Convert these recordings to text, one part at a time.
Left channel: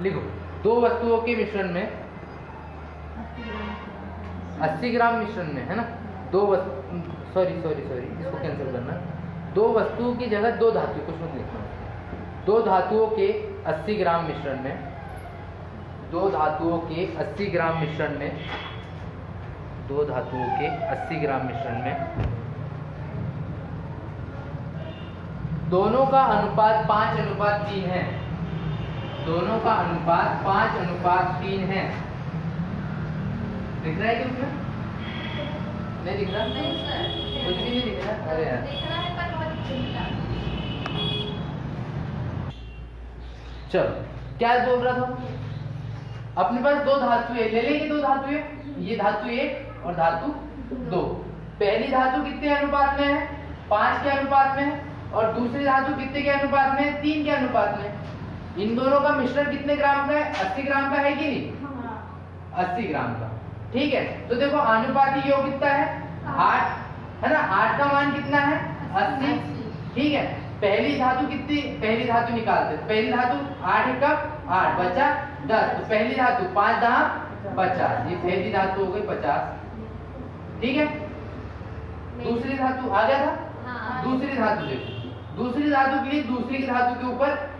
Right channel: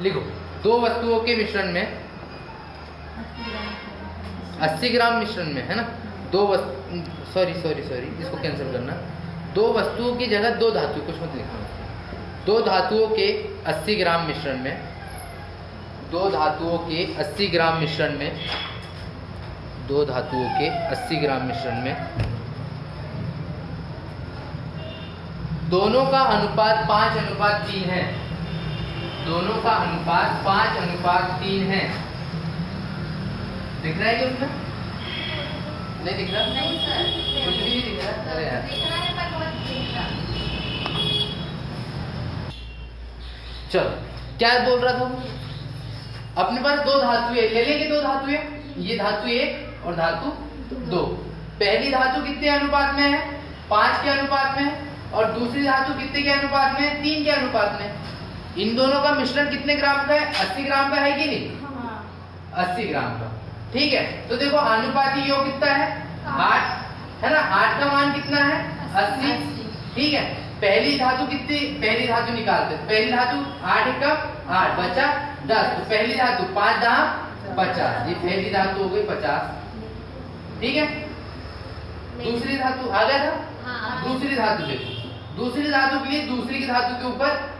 लिखो, दो वस्तुओं के मिश्रण में 80 ग्राम मिश्रण में, है ना, दो वस्तु, सॉरी इसको कैंसिल करना, दो वस्तुओं की जगह दो धातु, कुछ मत लिखना, दो धातुओं के 80 ग्राम मिश्रण में, दो धातुओं के 80 ग्राम मिश्रण में, दो धातुओं के 80 ग्राम मिश्रण में दोनों का अनुपात 5:3 है, दोनों का अनुपात 5:3 है। दिख रहा है क्या उसमें? नहीं दिख रहा? नहीं सर, कुछ भी नहीं दिख रहा। अरे यार, दिख रहा है पर वो दिख रहा। चलो क्या बोल रहा था? अपने पास दो धातुएं, ले लेंगे दो धातुएं, ये धातु 1 और धातु 2। पहली धातु कितने अनुपात में है? 5 के अनुपात में है, और दूसरी धातु कितने के अनुपात में है? 3 के अनुपात में। इन दोनों का मिश्रण कितने ग्राम का है? 80 ग्राम का है कि नहीं? 80 ग्राम का, ठीक है। तो देखो अनुपाती योग कितना है? 8, है ना। 8 का मान कितना है? 80, ठीक है। पहली धातु कितनी, पहली धातु निकालते हैं। पहली धातु 8 एकम 8 बचा 10, तो पहली धातु 5 दाम 50, ये पहली धातु हो गई 50, ठीक है। दूसरी धातु आ गया था। दूसरी धातु देखो, दूसरी धातु के लिए दूसरी की धातु के ऊपर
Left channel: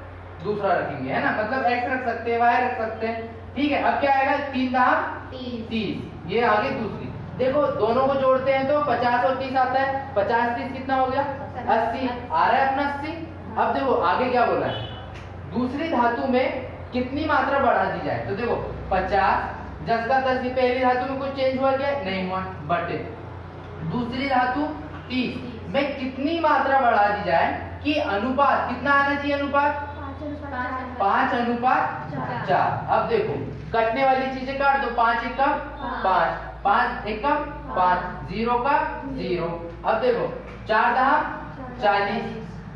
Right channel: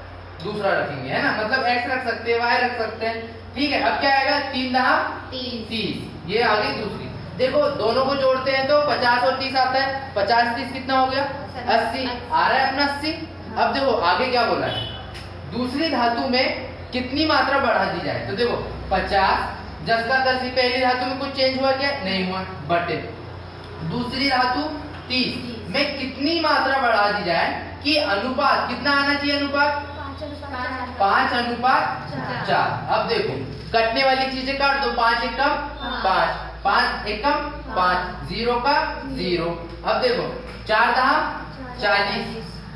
दूसरा रखेंगे, है ना, मतलब x रख सकते हैं, y रख सकते हैं, ठीक है। अब क्या आएगा? 3 दाम 30, ये आ गई दूसरी। देखो दोनों को जोड़ते हैं तो 50 और 30 आता है, 50 30 कितना हो गया? 80 आ रहा है अपना 80। अब देखो आगे क्या बोला है, दूसरी धातु में कितनी मात्रा बढ़ा दी जाए? तो देखो 50 10 का 10, पहली धातु में कुछ चेंज हुआ क्या? नहीं हुआ, बटे दूसरी धातु 30 में कितनी मात्रा बढ़ा दी जाए कि अनुपात कितना आना चाहिए? अनुपात 5:4। अब देखो कटने वाली चीजें काट दो, 5 एकम 5, 5 एकम 5, 0 का 0। अब देखो 4 दाम 40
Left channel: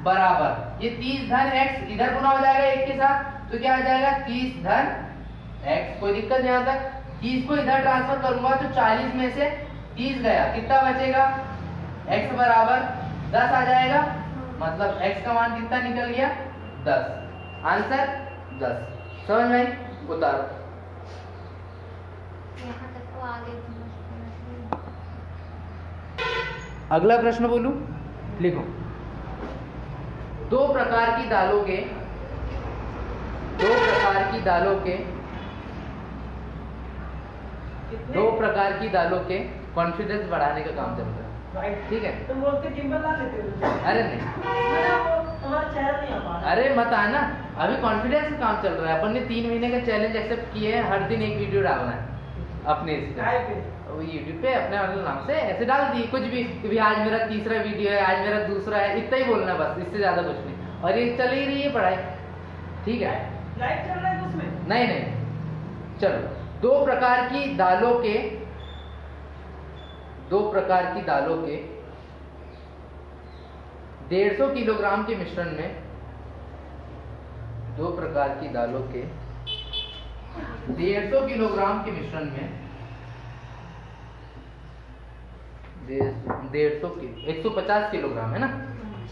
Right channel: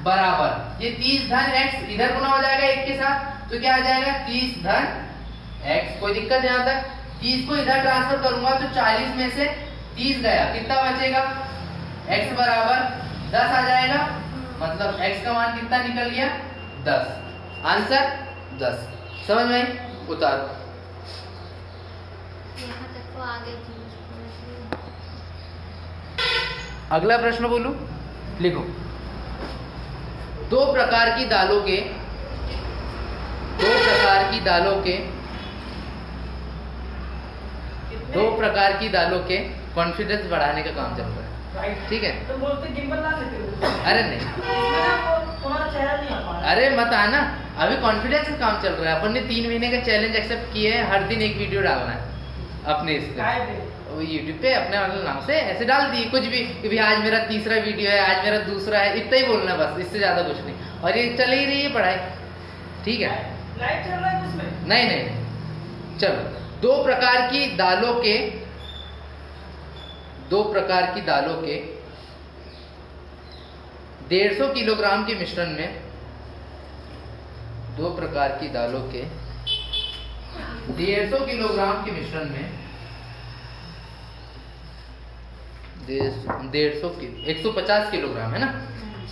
बराबर, ये 30 धन x इधर गुना हो जाएगा 1 के साथ, तो क्या आ जाएगा? 30 धन x, कोई दिक्कत नहीं आता। 30 को इधर ट्रांसफर करूंगा तो 40 में से 30 गया, कितना बचेगा? x बराबर 10 आ जाएगा, मतलब x का मान कितना निकल गया? 10। आंसर 10। समझ में? उतारो। यहाँ तक तो आगे अगला प्रश्न बोलूं, लिखो, दो प्रकार की दालों के कॉन्फिडेंस बढ़ाने का काम चल रहा है, ठीक है। तुम बोलते गिम्बल ला लेते हो। अरे नहीं, तुम्हारा चेहरा नहीं आ पा रहा। अरे मत आना, अभी कॉन्फिडेंस का काम चल रहा है। अपन ने 3 महीने का चैलेंज एक्सेप्ट किए हैं, हर दिन एक वीडियो डालना है अपने इसका यूट्यूब पे, अपने वाले नाम से ऐसे डाल दिए कुछ भी कि भाई आज मेरा तीसरा वीडियो है, आज मेरा दूसरा है, इतना ही बोलना बस, इससे ज्यादा कुछ नहीं। और ये चल ही रही है पढ़ाई, ठीक है। लाइव चल रहा है उसमें? नहीं, चलो। दो प्रकार की दालों के 150 किलोग्राम के मिश्रण में, 2 प्रकार की दालों के 150 किलोग्राम के मिश्रण में 150 किलोग्राम, है ना,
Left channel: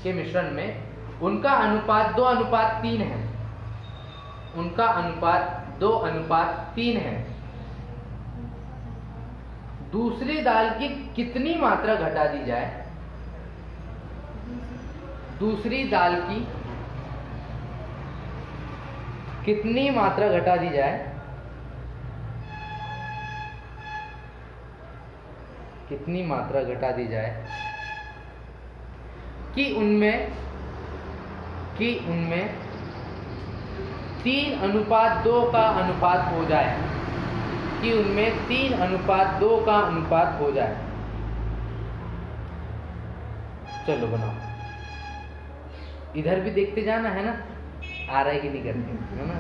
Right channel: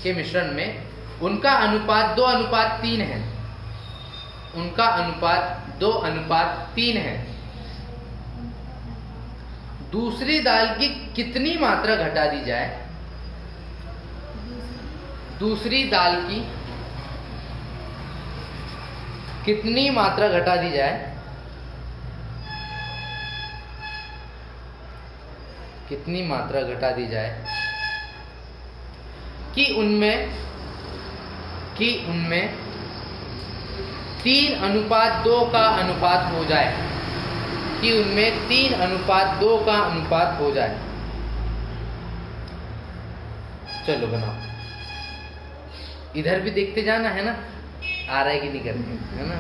के मिश्रण में उनका अनुपात 2:3 है, उनका अनुपात 2:3 है। दूसरी दाल की कितनी मात्रा घटा दी जाए? दूसरी दाल की कितनी मात्रा घटा दी जाए? कितनी मात्रा घटा दी जाए कि उनमें 3:2 का अनुपात हो जाए, कि उनमें 3:2 का अनुपात हो जाए। चलो बनाओ, इधर भी देखते जाना, है ना, आ रहा है कि नहीं करके, है ना।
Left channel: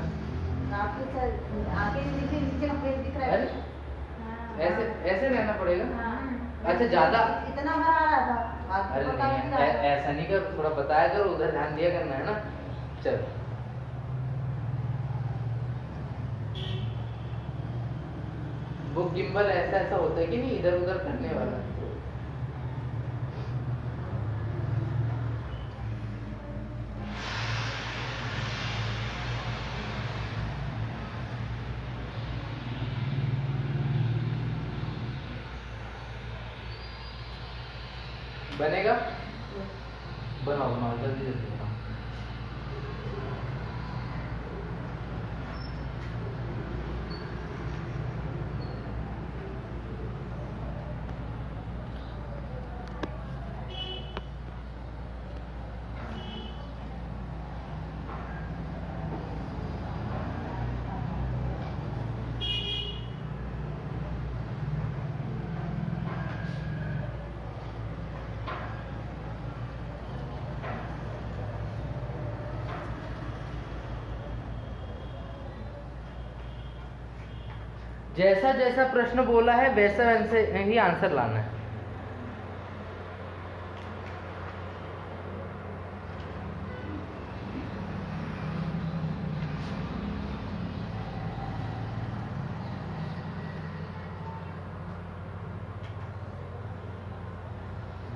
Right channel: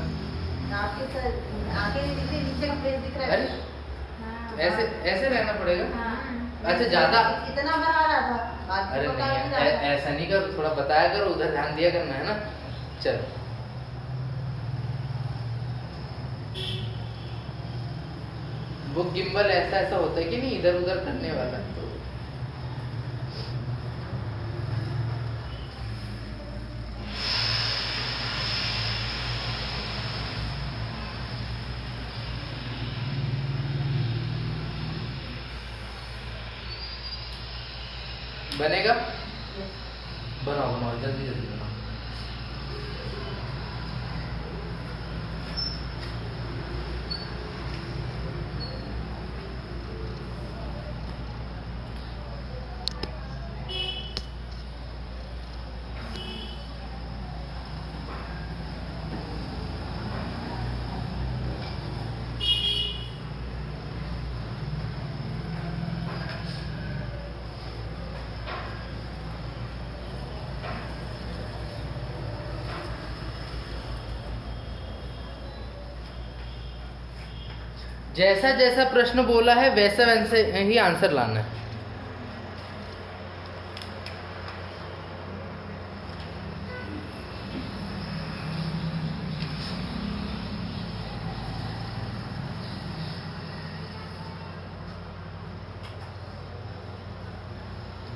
अरे ऐसे रहना पड़ेगा। अच्छा ज्यादा इतना बना रहा था। अरे नहीं, ऐसा नहीं कर, थोड़ा बताया करो, उधर ध्यान दिया करना, है ना। चलो वो गिम्बल ऐसा होता है कि नहीं, इधर उधर करने वाला। बनेगा? बनाओ बनाओ जल्दी जल्दी बनाओ। जैसा जैसा प्रश्न बोला है वैसा वैसे ही आंसर लाना है।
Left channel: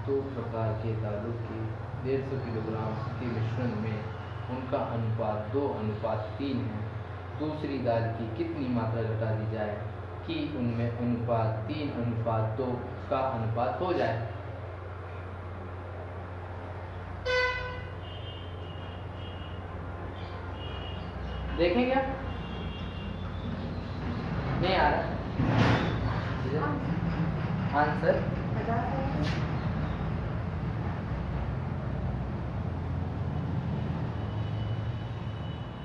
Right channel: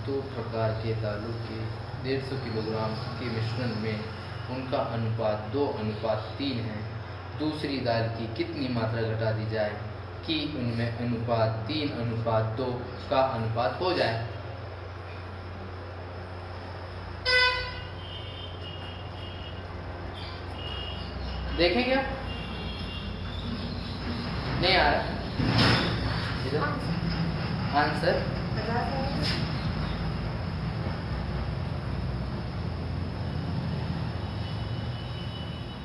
दो प्रकार के दालों के 150 किलोग्राम के मिश्रण में उनका अनुपात 2:3 है। दूसरी दाल की कितनी मात्रा घटा दी जाए कि उनमें अनुपात 3:2 का अनुपात हो जाए? देखें क्या? नहीं आ रहा इधर आंसर?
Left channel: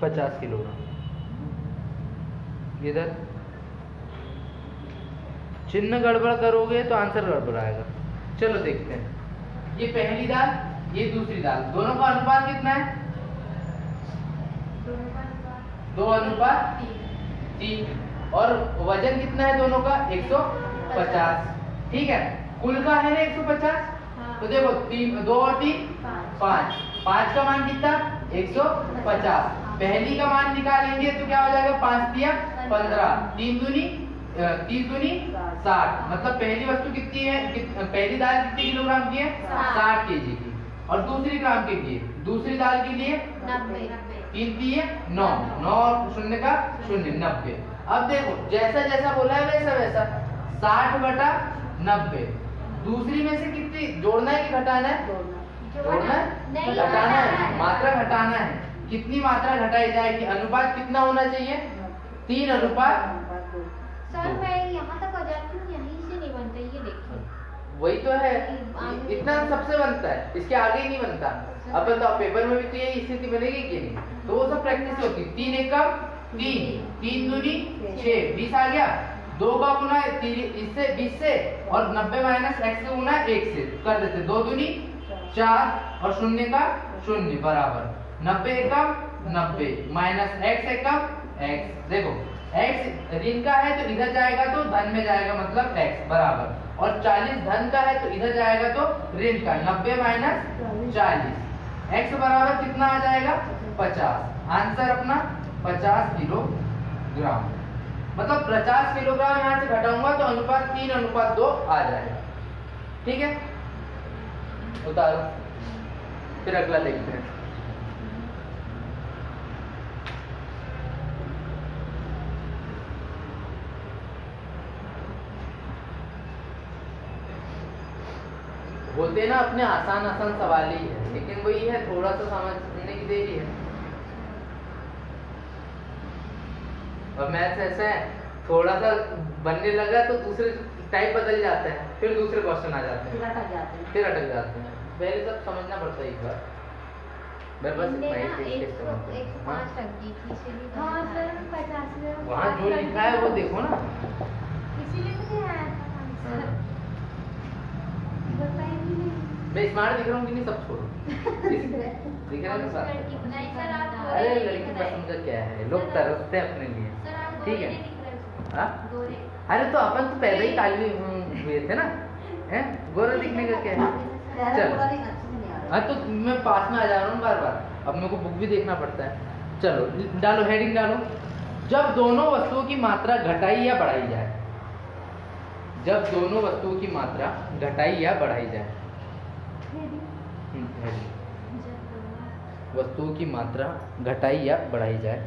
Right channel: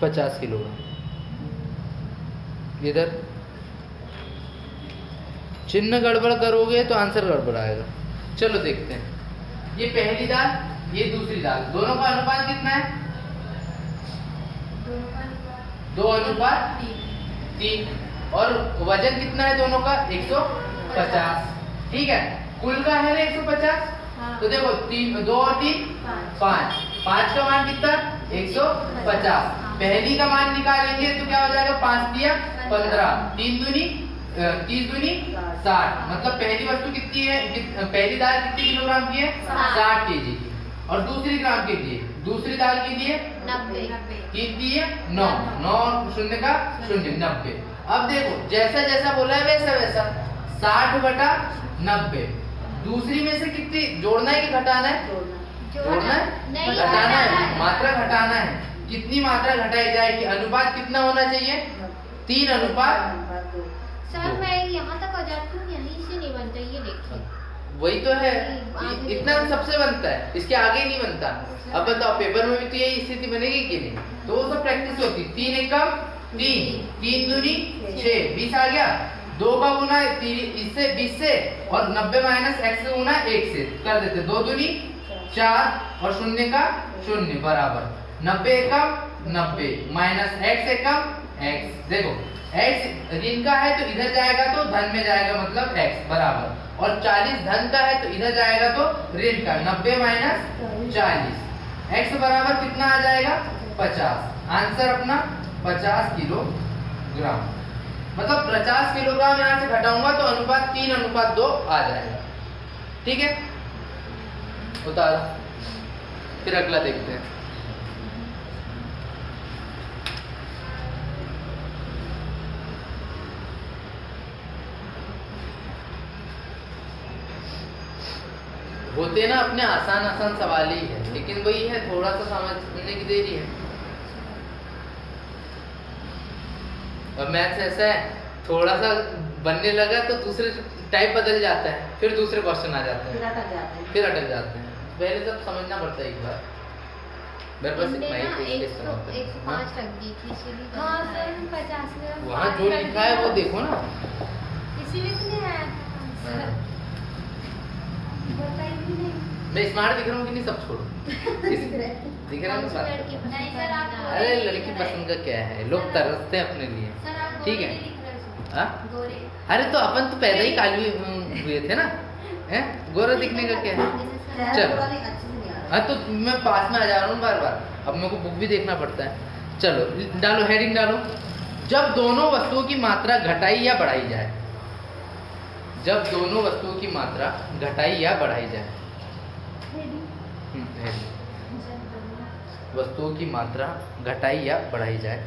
50 किलो। इधर चिन्ह गड़बड़ करोगे तो आंसर गड़बड़ आएगा। चलो देखते हैं। ये पहली दाल, ये दूसरी दाल, दोनों का अनुपात कितना है? 2:3। और वजन कितना है दोनों का? 150। ठीक है, कुल का है ना 150। तो देखो 2 और 3 5। 5 का मान कितना? 150। पहली का मान निकालेंगे तो क्या हो जाएगा? 5 दिया 15, 3 दूनी 30 दूनी 60। मतलब पहली वस्तु कितनी है? पहली दाल कितनी किलोग्राम की है? 60 केजी की। और दूसरी ग्राम के लिए, दूसरी दाल के लिए 3 दिए 9, 9 और शून्य का 0, 90। अब देखो जैसा जैसा बोला है वैसा वैसा 60/90। दूसरी में से कितनी जोड़ना है कि घटाना है? जोड़ना है, घटाना है, मात्रा घटाना है। कितनी मात्रा घटाई जाएगी? अनुपात कितना होना चाहिए? 3:2। सर मैं यहाँ तक आ जाती हूँ, यहीं से नहीं बनता, ये देखिए। वही तो है, इतना सबसे बनता है, इसके आगे नहीं बनता। अब बताओ पेपर में भी तो यही स्थिति बनेगी कि नहीं? तो वो सब प्रैक्टिस होती। 3 एकम 3, 3 दूनी 6, 20 आ गया। 2 का गुना इससे 20 से, और 90 माइनस x से गुना 1 से कर देते। 2 दूनी 4 और 0 का 0 बराबर 90 एकम 90 माइनस x एकम x। देखो x ऋण का है तो इधर जाएगा तो धन में जाएगा, मतलब x बराबर। और 40 धन का है तो इधर जाएगा तो ऋण का। 90 माइनस 40, x बराबर कितना आ जाएगा? 50। आंसर अपना 50 किलोग्राम। मतलब 50 किलोग्राम यहाँ से घटाऊंगा तो अनुपात 3:2 आ जाएगा। ठीक है, उतारो, फिर अगला देखते हैं। होते ना अपने आसान आसान सवाल ही है, लेकिन वही है थोड़ा सा समझने की देरी है। और मैथ्स ऐसा है, थोड़ा सा बनने लगा तो दूसरे टाइप बदल जाता है, फिर दूसरे क्वेश्चन आ जाते हैं, फिर अटक जाते हैं। पहले सब समझना पड़ता है एक बार। मेरे पास इतना ही कोशिश करता हूं। 105 रख दी थी, इसीलिए तो हाँ सर, हम 50 ग्राम वहाँ जो लिखा है वो देखो ना। इसीलिए तो नहीं आया था। बताइए भी नहीं। मैं स्मार्ट दिख रहा हूँ कि नहीं? सब छोड़ो, दिख रहा है ना बात। नहीं सर, आप गोरे अरे नहीं लड़की दिख रहे। पसंद का क्या है, लोग तरसते हैं अपने लिए। सर आप ठीक गोरे है। नहीं दिख रहे उसमें। हाँ? गोरे। अरे तो अपन तो पैदा ही कालवी हुए थे ना, हैं? गोरा दिखने का क्या है? हाँ तो मैं पास में आ जा रहा हूँ बार बार, अब मेरे को बुक भी देखना पड़ता है। चलो डालो, हेडिंग डालो। जब दोनों वस्तुओं की मात्रा घटाई या बढ़ाई जाए, जब दोनों वस्तुओं की मात्रा घटाई या बढ़ाई जाए, हेडिंग। वस्तुओं की मात्रा घटाई या बढ़ाई जाए,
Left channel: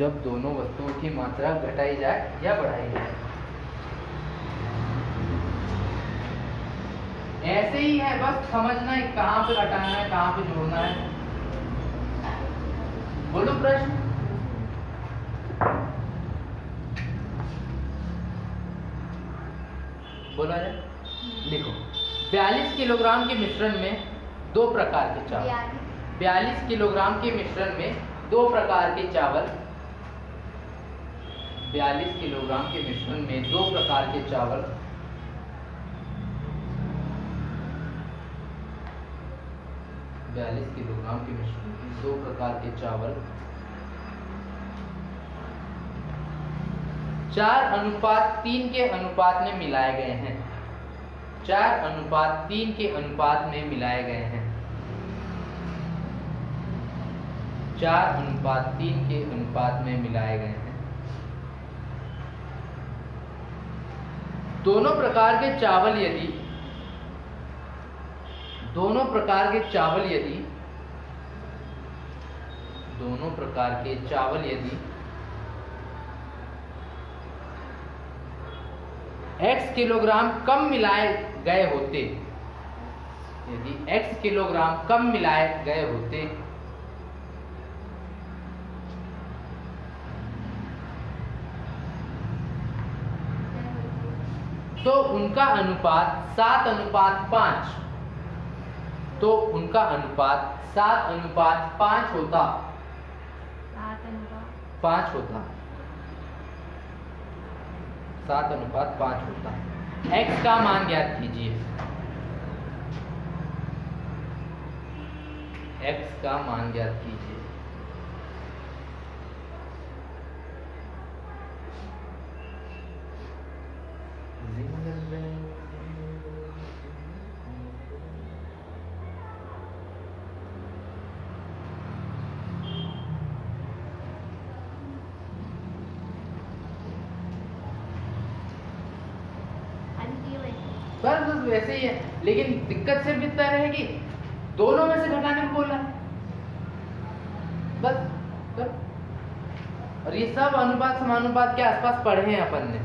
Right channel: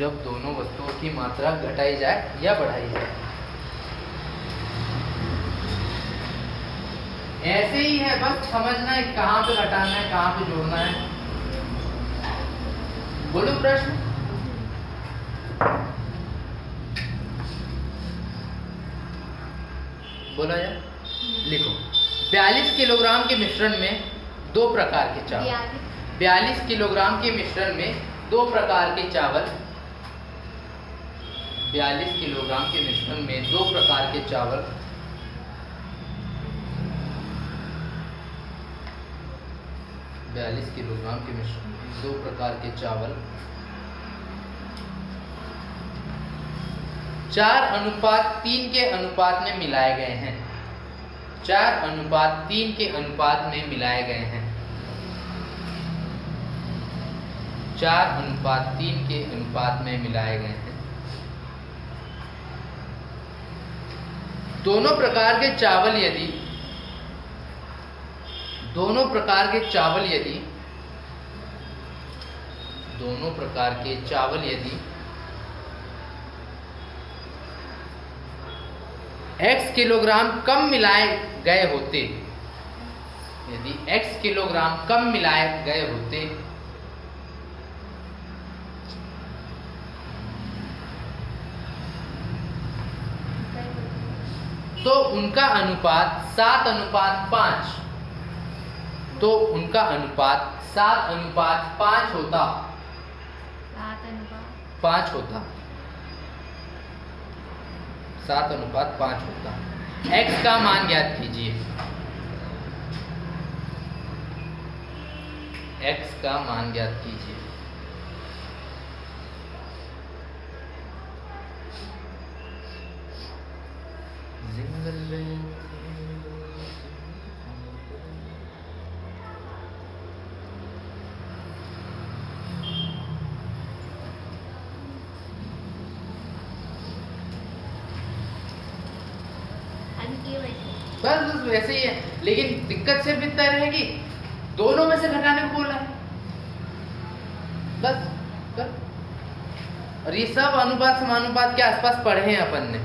जब दोनों वस्तुओं की मात्रा घटाई जाए या बढ़ाई जाए। ऐसे ही है, बस समझना है कहाँ पे घटाना है कहाँ पे जोड़ना है। बोलो प्रश्न। बोला जाए, लिखो। 42 किलोग्राम के मिश्रण में दो प्रकार के चावल। 42 किलोग्राम के मिश्रण में दो प्रकार के चावल। 42 किलोग्राम के मिश्रण में दो प्रकार के चावल 42 किलोग्राम के मिश्रण में दो प्रकार के चावल 4:3 के अनुपात में मिलाए गए हैं। 4:3 के अनुपात में मिलाए गए हैं। 4:3 के अनुपात में मिलाए गए हैं। दोनों प्रकार के चावल यदि दोनों प्रकार के चावल यदि x किलोग्राम कम मिलाए गए होते, यदि x किलोग्राम कम मिलाए गए होते तो उनका अनुपात 7:5, तो उनका अनुपात 7:5 होता। 5 होता, 7:5 होता। x का मान ज्ञात कीजिए। x का मान ज्ञात कीजिए। जिंगल बेल बस वैसे ही है, लेकिन दिक्कत सिर्फ इतना रहेगी दोनों में से घटाने को बोला है बस कर। और ये सब अनुपात समानुपात के आसपास पढ़े हैं अपन ने।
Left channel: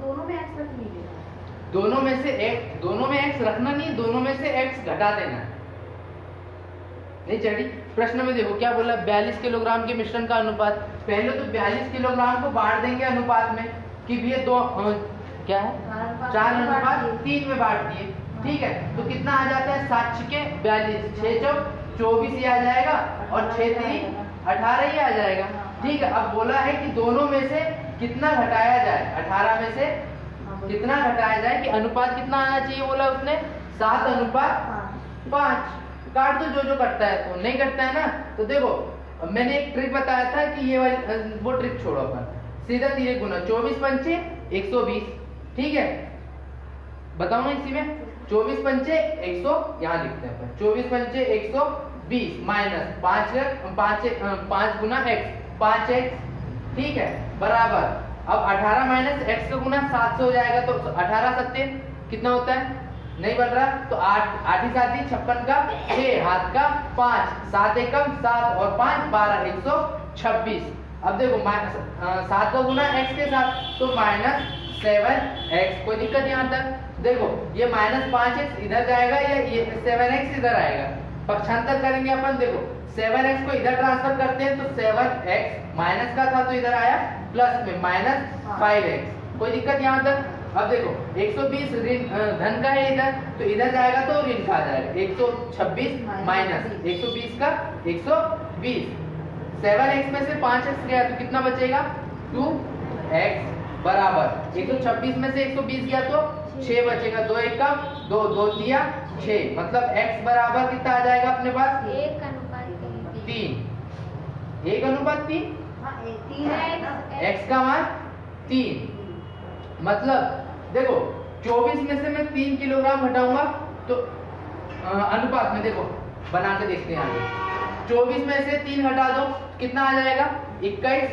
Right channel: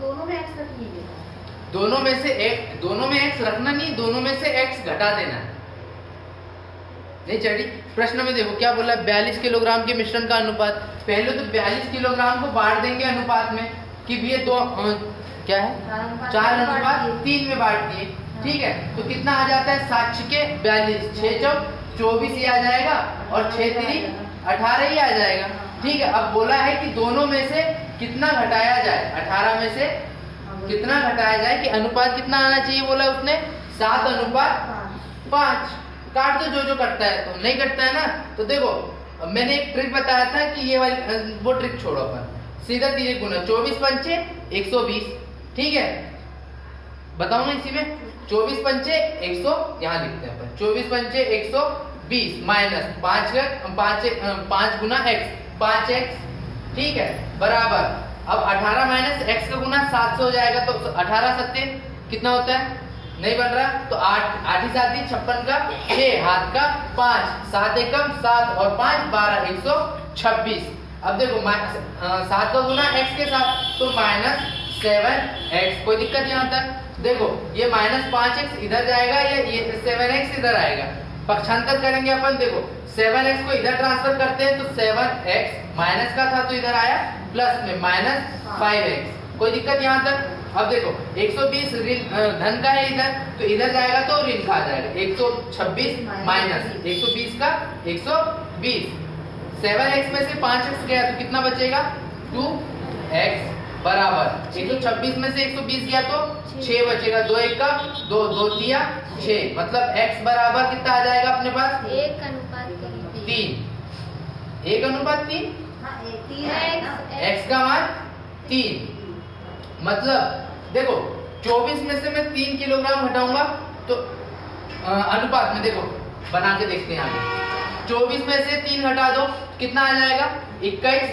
दोनों में एक्स रख लीजिए। दोनों में x रखना नहीं, दोनों में से x घटा देना है। नहीं चढ़ी। प्रश्न में देखो क्या बोला, 42 किलोग्राम के मिश्रण का अनुपात। पहले तो 42 किलोग्राम को बांट देंगे अनुपात में कि भी ये दो क्या है 4:3 में बांट दिए। ठीक है, तो कितना आ जाता है 7 के 42, 6 चौक 24 ही आ जाएगा और 6 3 18 ही आ जाएगा। ठीक है, अब बोला है कि दोनों में से कितना घटाया जाए, 18 में से कितना घटाया जाए कि अनुपात कितना आना चाहिए बोला उसने 7:5। काट दो जो कटता है, तो नहीं कटता है ना। तो देखो मैंने एक ट्रिक बताया था कि ये वाली वो ट्रिक छोड़ो अपन, सीधा तीरे गुना 24 पंचे 120। ठीक है, बताओ ना इसी में 24 पंचे 100 यहाँ लिखते हैं अपन 24 पंचे 120 माइनस 5 गुना x 5x। ठीक है, बराबर अब 18 माइनस x का गुना 700 हो जाएगा। तो 18 7 कितना होता है, नहीं बन रहा, तो 8 ही 7 56 का 6 हाथ का 5 7 एकम 7 और 5 12 126। अब देखो 7 का गुना x के साथ तो -7x। कोई दिक्कत यहाँ तक। देखो ये -5x इधर जाएगा या ये 7x इधर आएगा, पक्षांतर करेंगे अपन। देखो 7x को इधर ट्रांसफर करते हैं तो 7x माइनस का था तो इधर आया प्लस में -5x। कोई दिक्कत यहाँ तक। अब देखो 120 धन का है इधर, तो इधर जाएगा तो ऋण का आ जाएगा 126 माइनस 120 का 120। 7x में से 5x गया तो कितना बचेगा 2x बराबर 126 में से 120 गया तो 6 बचेगा। 2 1 का 2 2 दिया 6, मतलब x बराबर कितना आ जाएगा अपने पास 1:3। 1:3 x का मान 3। मतलब देखो 24 में से मैं 3 किलोग्राम घटाऊंगा तो अनुपात में देखो बना के देखते हैं आगे। 24 में से 3 घटा दो कितना आ जाएगा 21।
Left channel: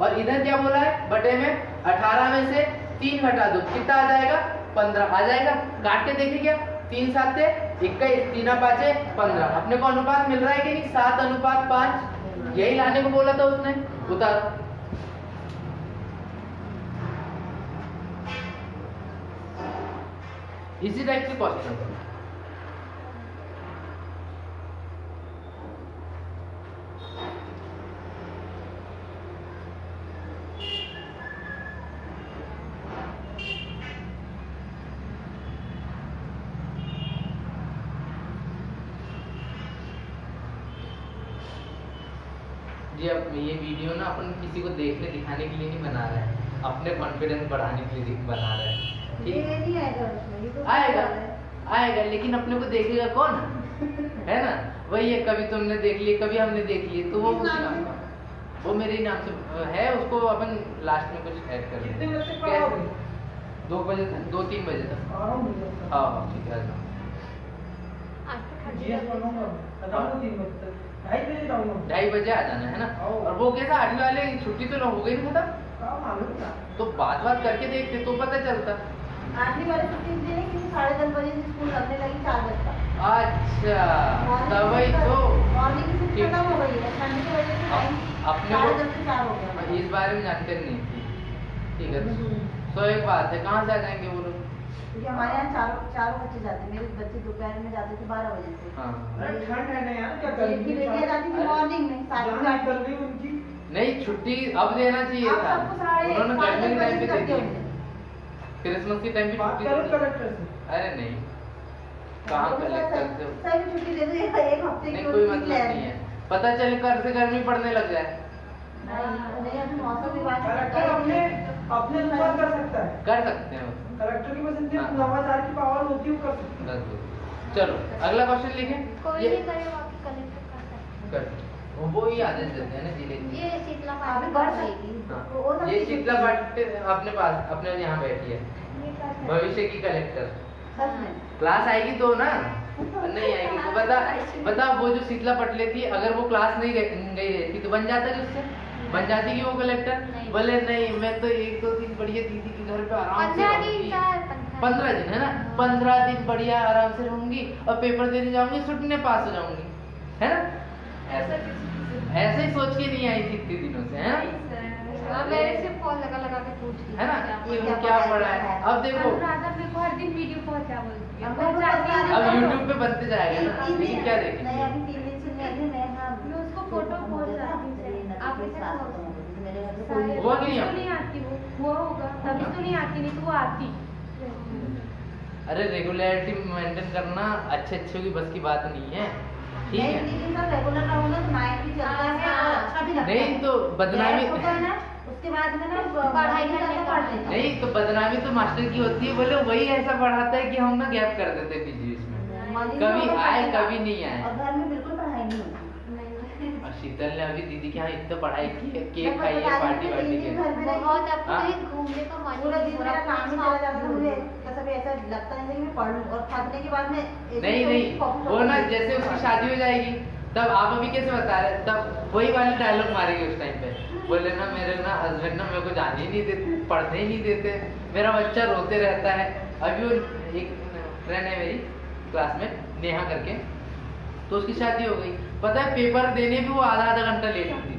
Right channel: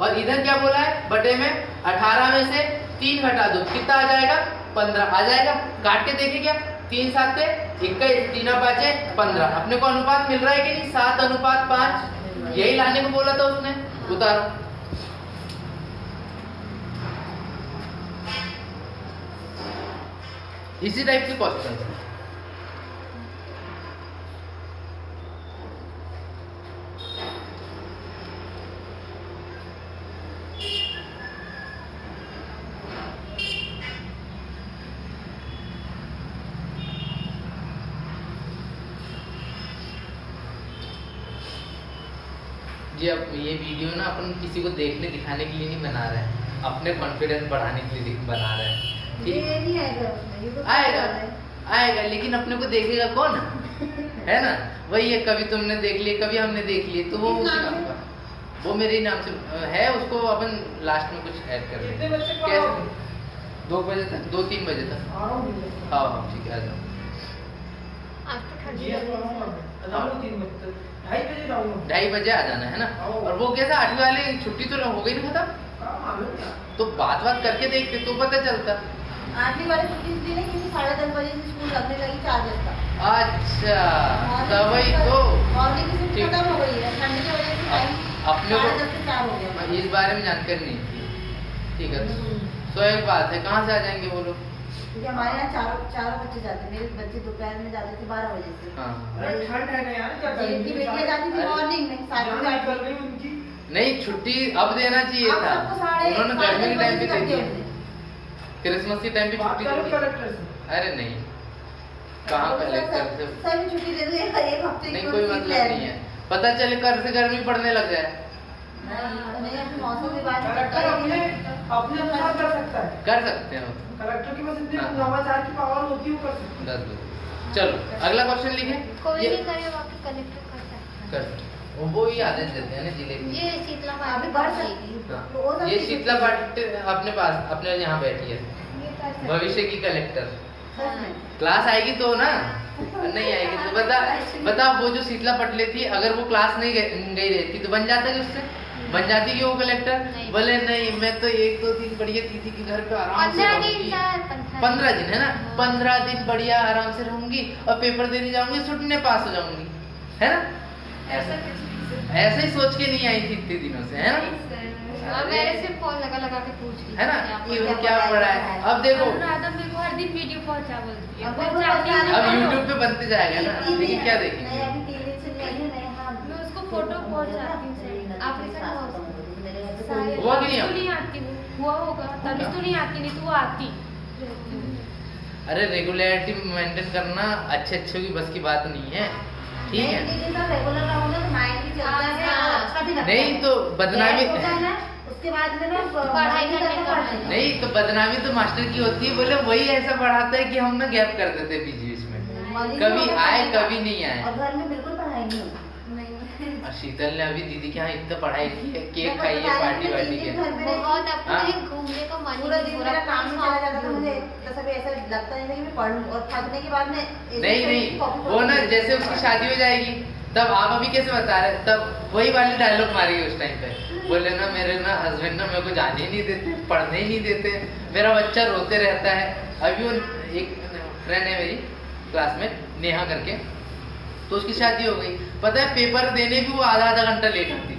और इधर क्या बोला है बटे में 18 में से 3 घटा दो कितना आ जाएगा 15 आ जाएगा। काट के देखे क्या 3 7 21 3 5 15 अपने को अनुपात मिल रहा है कि नहीं 7:5 यही लाने को बोला था उसने उतारो। इसी टाइप के क्वेश्चन जी। अब ये वीडियो ना अपन किसी को देखने दिखाने के लिए नहीं बना रहे हैं, अपने कॉन्फिडेंस बढ़ाने के लिए बना रहे हैं। ये नहीं आएगा उसमें, ये तो आएगा आएगा लेकिन अपने को देखेगा कौन है ना। वही है, कभी तुमने देख लिए कभी हमने देख लिए तो वो उसी नाम का वो मेरे ही नाम से है। उसको अपन लास्ट में कुछ ऐड कर कितने बजे तक कैसे पढ़ाओगे? 2 बजे तक 2-3 बजे तक। हाँ हाँ ठीक है आ जाओ। आज तो ठंडी जी लग रही पढ़ाऊंगा है। मैं। जाऊंगा 3 बजे तक 2:30 बजे जाऊंगा। 2:30 बजे आ जाना है ना। और वो कैसा 8वीं वाले छुट्टी तो हो गई नहीं खत्म काम मालूम क्या? तो बात करके देखते तो पता चलता। आठवीं वाले छुट्टी इसलिए नहीं क्योंकि 10:30 बजे से स्कूल लगने लगी 4 बजे तक। अच्छा तभी तो मॉर्निंग की शिफ्ट ठीक। खत्म हो गई है, ठंड की वजह से टाइम अपने को 10:30 से 4 हो गया। इस बारे में जानकारी नहीं थी। ठीक है तो एक बात है कहाँ से आ जाएंगे वो लोग। क्योंकि हमारे यहाँ चारों बच्चे जाते हैं, मेरे बच्चे दोपहर में जाते थे 12 बजे से। हाँ अरे ठंड है ना यार, क्या जेठ की बेटियां जाती थी अरे। मॉर्निंग में 7 जाना बजे। कर गई उनकी। नहीं छुट्टी अब देना चाहिए अब था, सबको साढ़े उन्होंने 8 गर्मी के टाइम पे दे करके दी, क्रिसमस के टाइम पे बात छुट्टी करो दी। कलेक्टर से। अरे नहीं कहाँ कलेक्टर से सही छुट्टी दे दो, एक हफ्ते की नहीं तो कोई छुट्टी मतलब ले नहीं है। पता चले कर से गर्मी पड़ने लग जाए नहीं अपनी मौसम की बात कलेक्टर अपने अनुसार कर सकता है। कर सकते हैं वो। कलेक्टर की बस इतनी हाँ। नवाचार की पावर होती है वो कर सकता है। 10 बजे चलो अगला क्वेश्चन लिखे। कोई ये भी करे वहाँ पे कलेक्टर कर सकता कर सकते हैं। वो ही आदेश देते हैं ना जिले है। के। ये शीतला अभी पार्टी बढ़ कर सकती देगी। है। वो सब ये की शीतला छुट्टी- पाटिल अपने पास अपने यहाँ बैठी है ये कर सकते हैं। भविष्य की कलेक्टर। सच में। क्लास आएगी तो ना नहीं आएगी तो बता वो जो शीतला पटले थी अगर वो क्लास नहीं गई रहती तो बन जाता कि उससे बन जाती कि वो कलेक्टर। नहीं। बोले नहीं मैं तो 1-2-3 बढ़िया थी कि घर पे आराम से 15 दिन रहूंगी। चार 15 दिन है ना 15 दिन बढ़िया आराम से रहूंगी और पेपर देने जाऊंगी छुट्टी पास हो जाऊंगी है ना। ऐसे ही सोच के नहीं आई थी इतने दिनों से है ना। और मेरे से फोन लगा के पूछ रही है ना कि वो क्या पढ़ा है। अब देखो अनुराधा मेरे को हर दिन वीडियो पहुंचा बोलती है। अब वो पहुंचाती पता है। अब YouTube पे बनते जाएगा ना लेकिन क्या नहीं देखेंगे। अभी 3 दिन से नहीं आई है। मैं हाँ मैं उसको फोटो पहुंचाती हूँ। आप आप ऐसा करो। मेरे घर पे शायद कोई हुआ कि नहीं तभी तो नहीं आती वो हुआ होगा तभी तो नहीं आती, नहीं तो वो आती। अरे रेगुलरिटी मेंटेन करना अच्छे की बस की बात नहीं है। ठीक नहीं, है लेकिन सर रेगुलर रहूंगा तो माइंड भी चलता है और अच्छा भी लगता है। नहीं तो बदनामी गैप होता है ना, उसके बाद में ना पढ़ाई करने करने का का। नहीं तो बदनामी तो मास्टर की होती है। बोले वही ऐसा पढ़ाता है कि हम ना गैप कर देते बीच बीच में कभी आए कभी नहीं आए। और घर में बिल्कुल पढ़ाई नहीं होती। और शीतल ने अभी दीदी के यहाँ इतना पढ़ाई की है केक मैं खाई है बता पार्टी रही वार्टी हूँ, के। घर में रहती बहुत हूँ। अपने हाँ। घूमने का मन पूरा दिन मेरा काम में चला जाता था, मुझे मुझे कभी ऐसा लगता नहीं था कि मैं पढ़ लूं और थकने के बाद में नहीं वो ना जैसे उसकी शादी हो जाएगी तब आप अभी कैसे बता रहे तब वही वाले डायलॉग मारेगी उस टाइम पे। बोले ना मेरे ना हस्बैंड ना मेरे को जाने ही नहीं देते पढ़ने ही नहीं देते मेरा बच्चा रोते रहता है। अभी वो एक फ्रेंड है मेरी क्लासमेट नेहा करके तो उसकी शादी हो गई। पता है पेपर देने भी वो आधा घंटा लेट आती।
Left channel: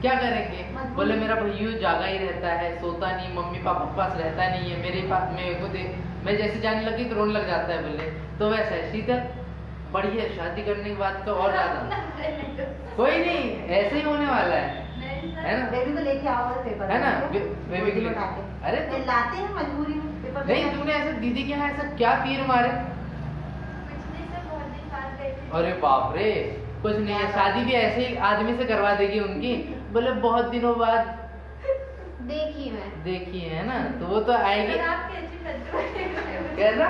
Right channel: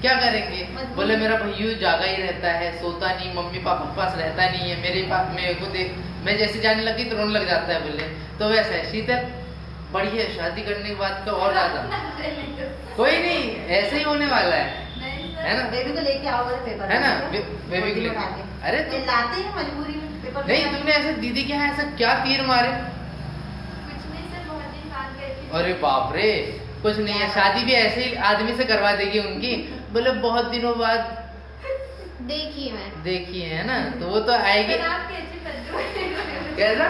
क्या करेंगे बोले मेरा भैया जागा ही रहता है सोता नहीं मम्मी पापा के पास रहता नहीं है मेरे पास मेरे को दे मैं जैसे जाने लगी तो रोने लग जाता है। बोले तो वैसा है शीतल बढ़िया शादी करने के बाद तो और ज्यादा कोई नहीं ऐसे ही होने वाला है ना। बेबी को लेके आओ मेरे पेपर है ना में। बेबी के लिए बना के। अरे मैं लाते हैं मजबूरी में पेपर नहीं बना के। तुमने ऐसे दीदी के यहाँ ऐसा क्या तीर मारे। कुछ नहीं सर बहुत दिन बाद गई थी। अरे बाप रे कुछ नहीं है शादी भी ऐसे ही आदमी से करवा देगी उनकी। बोले बहुत दिनों बाद देखिए मैं देखी है ना तो वो तो आएगी। पर आप कैसी बदलू कैसा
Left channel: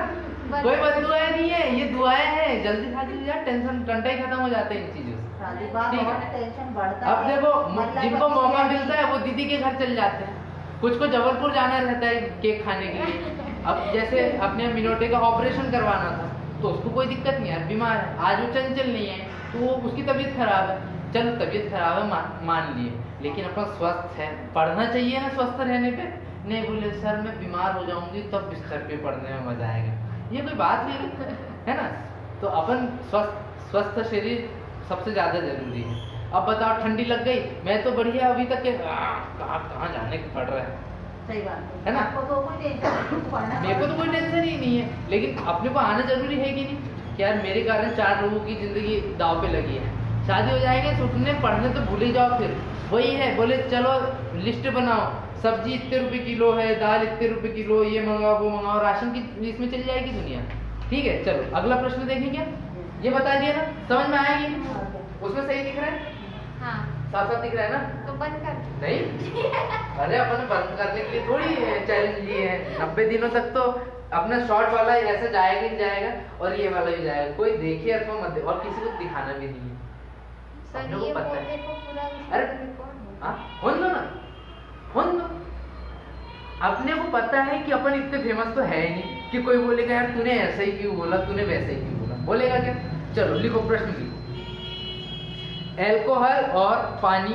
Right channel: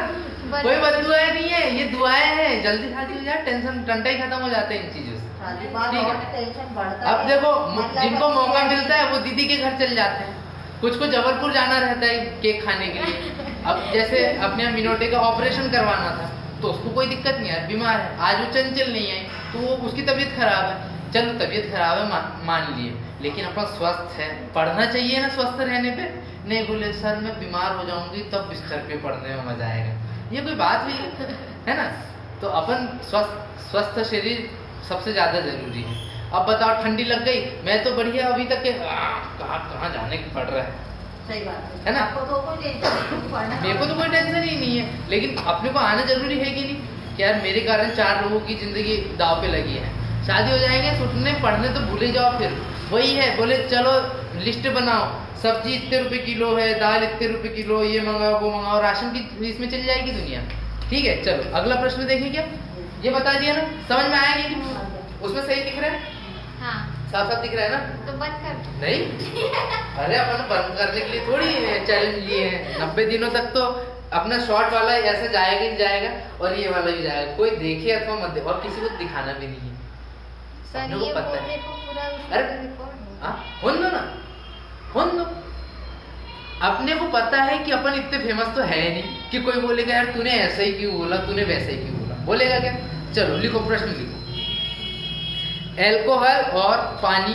कोई बदुआएं नहीं है ये दुआएं हैं जल्दी शादी हो जाए टेंशन टंटा ही खत्म हो जाते हैं इन चीजों से। शादी के बाद ठीक है। और टेंशन बढ़ता अब है। देखो मतलब जिनको अच्छी मौका है। मिलता है वो दीदी के घर चले जाते हैं। कुछ को जबलपुर जाना रहता है केक खाने के लिए। अब जैसे अपने यहाँ मिनोटे का ऑपरेशन करवाना था तो उसको कोई दिक्कत नहीं है बीमार है आज वो चंचल नहीं है तो वो उसकी तबीयत खराब है चलो तबीयत खराब है मान लिए, लेकिन अपना स्वस्थ है, पढ़ना चाहिए ना स्वस्थ रहने पे। नहीं बोले सर मैं बीमार हो जाऊंगी तब बिस्तर पे पढ़ने में मजा आएगा, ये कोई बात नहीं है ना। तो अपन स्वस्थ शरीर सबसे ज्यादा जरूरी है। अब बताओ ठंडी लग गई, मैं तो बढ़िया अभी तक के कहाँ जाने को पड़ रहा है सही बात है ना। आपको तो कोई टेंशन नहीं, पढ़ना मेरे को तो कोई टेंशन ही नहीं है, लेकिन अपने को आना जरूरी है कि नहीं कि यार मेरे कारण 4 लोगों की जिंदगी दाव पे लगी है। शादी हो जाएंगे सुनने पढ़ने तो भूल ही जाओ। फिर वही है, बोले चलो लिस्ट बनाओ, सब्जी इतने रुपए किलो है, दाल इतने रुपए किलो, ये मंगाओ वो मंगाओ, राशन की इसमें चल जाएगी दुनिया। ठीक है चलो अगला प्रश्न देखें। क्या ये बता दिया ना, समझ में आया कि नहीं? उसमें सही दिख रहा है, हाँ साफ साफ दिख रहा है ना? तो बंद कर दो। नहीं अरे अपन बंद करने के लिए थोड़ी चैलेंज लिए हैं। 90 दिनों तक तो अपना शॉर्ट वाला ऐसा जाएगा ही जाएगा और ये वाला भी जाएगा, कोई देखे अथवा मत देखे, और किसी को दिखाना भी नहीं है। सर अपने को ये पता है। बोलने को पूरा अरे रिकॉर्ड हो। हाँ होन दो ना, होन दो। अपने को पता है कि अपन इतने फेमस तो है नहीं कि कोई बोलेगा यार तूने ऐसा ही क्यों बोला, तूने वैसा ही क्यों बोला, बोलेगा क्या? चलो लिखो, प्रश्न लिखो। एल्कोहल और पानी,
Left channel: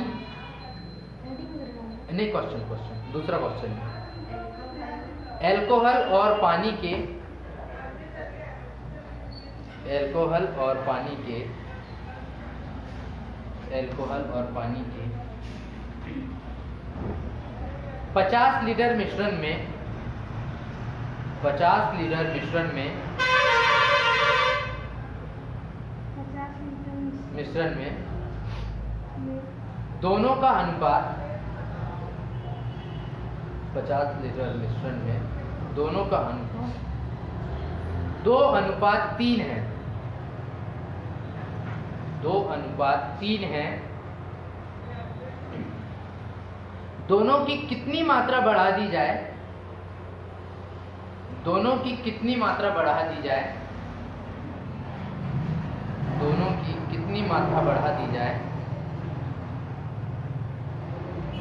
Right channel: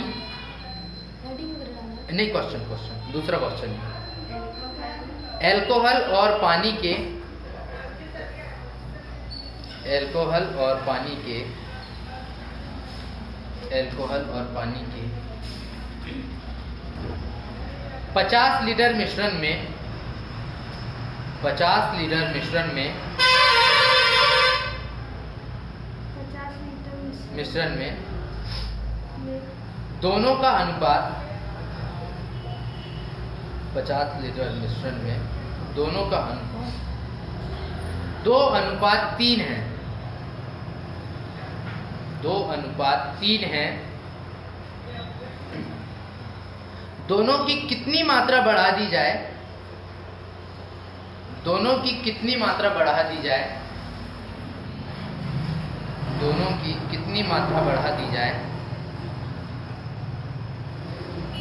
नहीं क्वेश्चन दूसरा क्वेश्चन। एल्कोहल और पानी के, एल्कोहल और पानी के 50 लीटर मिश्रण में 50 लीटर मिश्रण में दोनों का अनुपात 50 लीटर मिश्रण में दोनों का अनुपात 2:3 है। 2:3 है। दोनों की कितनी मात्रा बढ़ा दी जाए? दोनों की कितनी मात्रा बढ़ा दी जाए? दोनों की कितनी मात्रा बढ़ा दी जाए?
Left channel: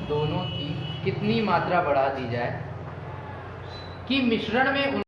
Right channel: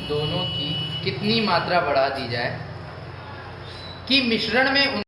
दोनों की कितनी मात्रा बढ़ा दी जाए कि मिश्रण में